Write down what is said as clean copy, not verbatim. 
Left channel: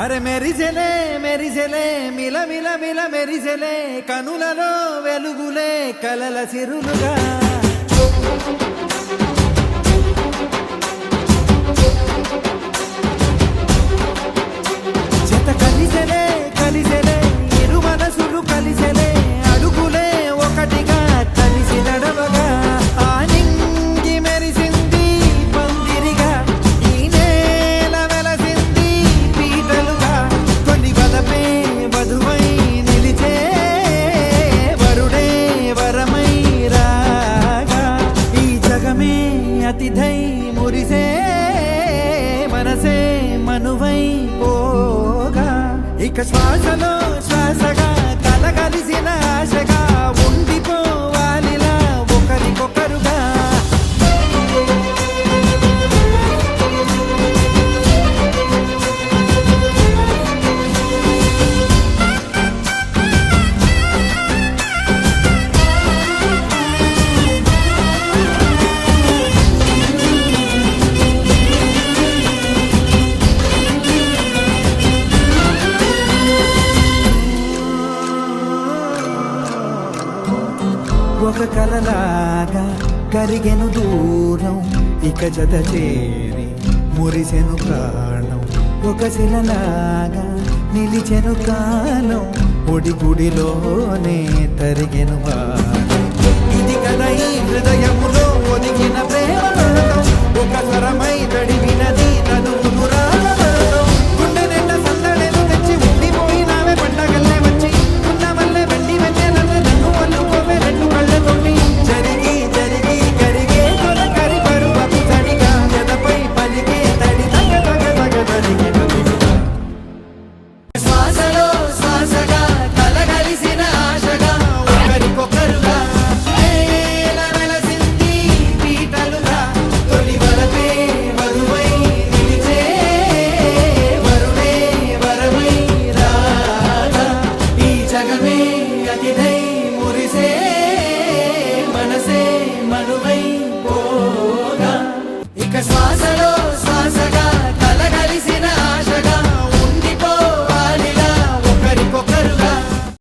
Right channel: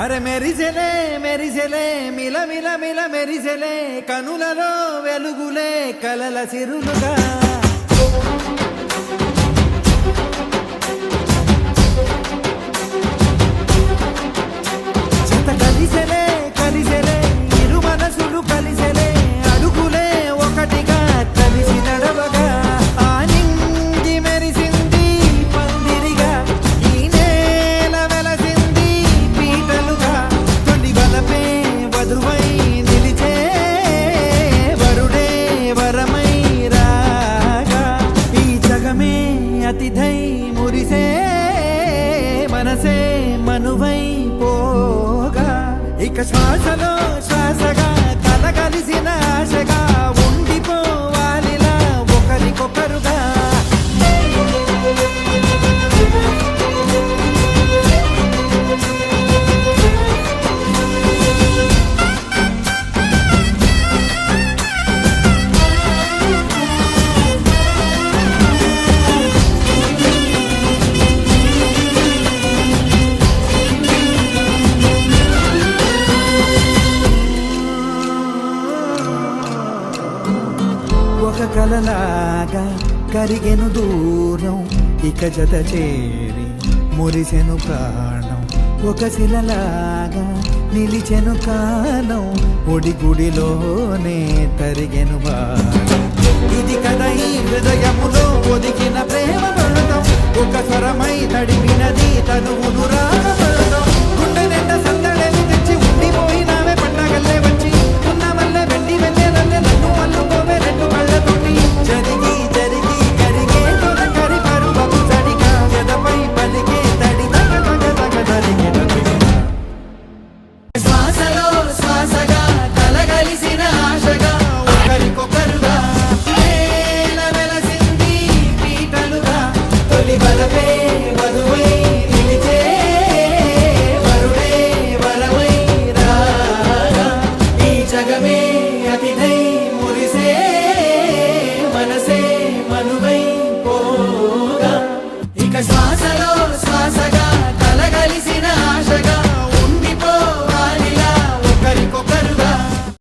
అరే మెరిసెలే మెరిసెలే మిల మిల మిల మెరిసెలే కనులలో వెలుగులే కలల సిరులుగా జత కలిసెలే కలిసెలే ఇరు మనసులు కలిసెలే అడుగులే ఒకటిగా కలిసి నడవగా ఆ నింగి మెరిసింది పందిరిగా ఈ నేల వెలసింది పీటలుగా తొలి వలపే వధువై నిలిచే వరుడే వరమై రాగా ఈ జగమే అతిథై మురిసే మనసే మనువై పోగా ఇక శ్వాసలో శ్వాసగా కలగలిసిన ఆశగా ఉండిపోవాలిలా ఒకరికొకరుగా ఒక కలలాగా కరిగెను దూరం ఇక జత చేరి మురిసెను ప్రాణం ఒక శిలలాగా నిలిచెను కాలం ఒడిగుడిలోనే తరిగెను వారం ఇది కదా ఈ హృదయములో ఒదిగిన ప్రేమ పడతాం ఒక స్వరమై తడివినది తనువును రాగపడతాం గుండె నిండా సందడేలు తెచ్చి ఉండిపోయినావే పండగల్లే వచ్చి ఉన్నమల్లే వెండి వెన్నెలల్లే నన్ను అల్లుకోవే రెండు కళ్ళతోటి జరిగి జరిగి కరిగే తొలకరి పరువపు తడిగా జదపై పలికే తడి తగ తగ తగ తరిగిన దివిన శ్వాసలో శ్వాసగా కలగలిసిన ఆశగా ఒకరికొకరుగా నేల వెలసింది పీటలుగా తొలి వలపే వధువై నిలిచే వరుడే వరమై రాగా ఈ జగమే అతిథై మురిసే మనసే మనువై పోగా ఇక శ్వాసలో శ్వాసగా